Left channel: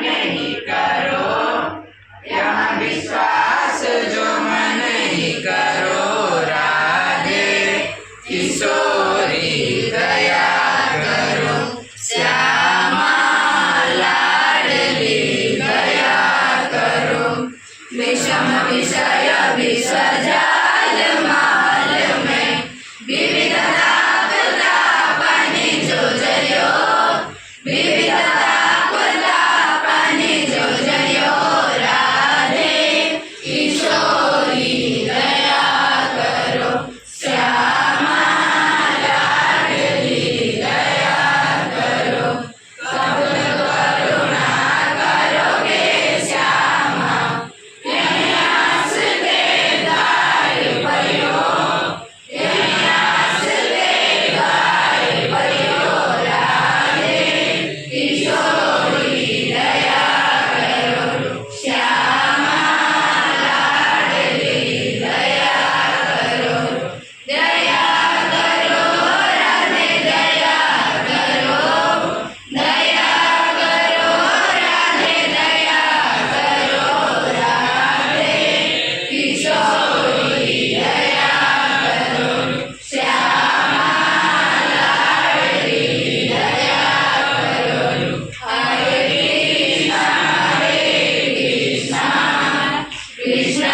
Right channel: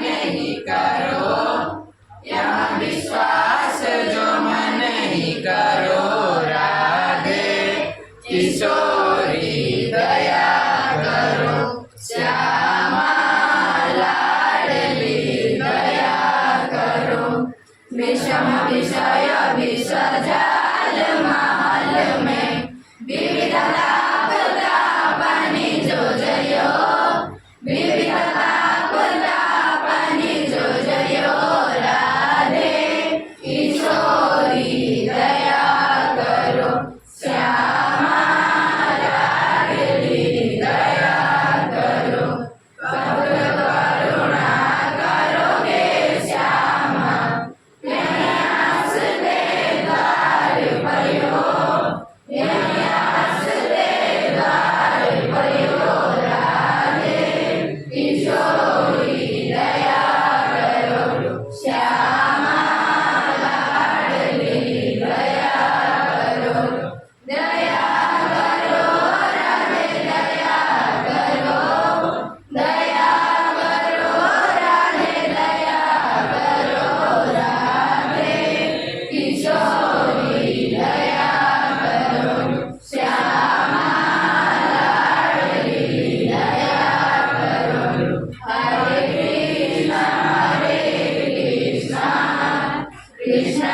नहीं करो, यहाँ विश्वास जो मन नहीं करो। राधे किशोरी दया करो, श्यामा लाडली दया करो। विषम विषय विष जाल माल में विविधता प्रतापानी जोजयो, विविधता प्रतापानी जोजयो। राधे किशोरी दया करो, श्यामा लाडली दया करो। कब करुणा करोगे श्यामा, यहीं आस देदार भयो, यहीं आस देदार भयो। राधे किशोरी दया करो, श्यामा लाडली दया करो। दया करो राधे दया करो, दया करो राधे दया करो। राधे किशोरी दया करो, श्यामा लाडली दया करो। हरे कृष्णा कृष्ण कृष्ण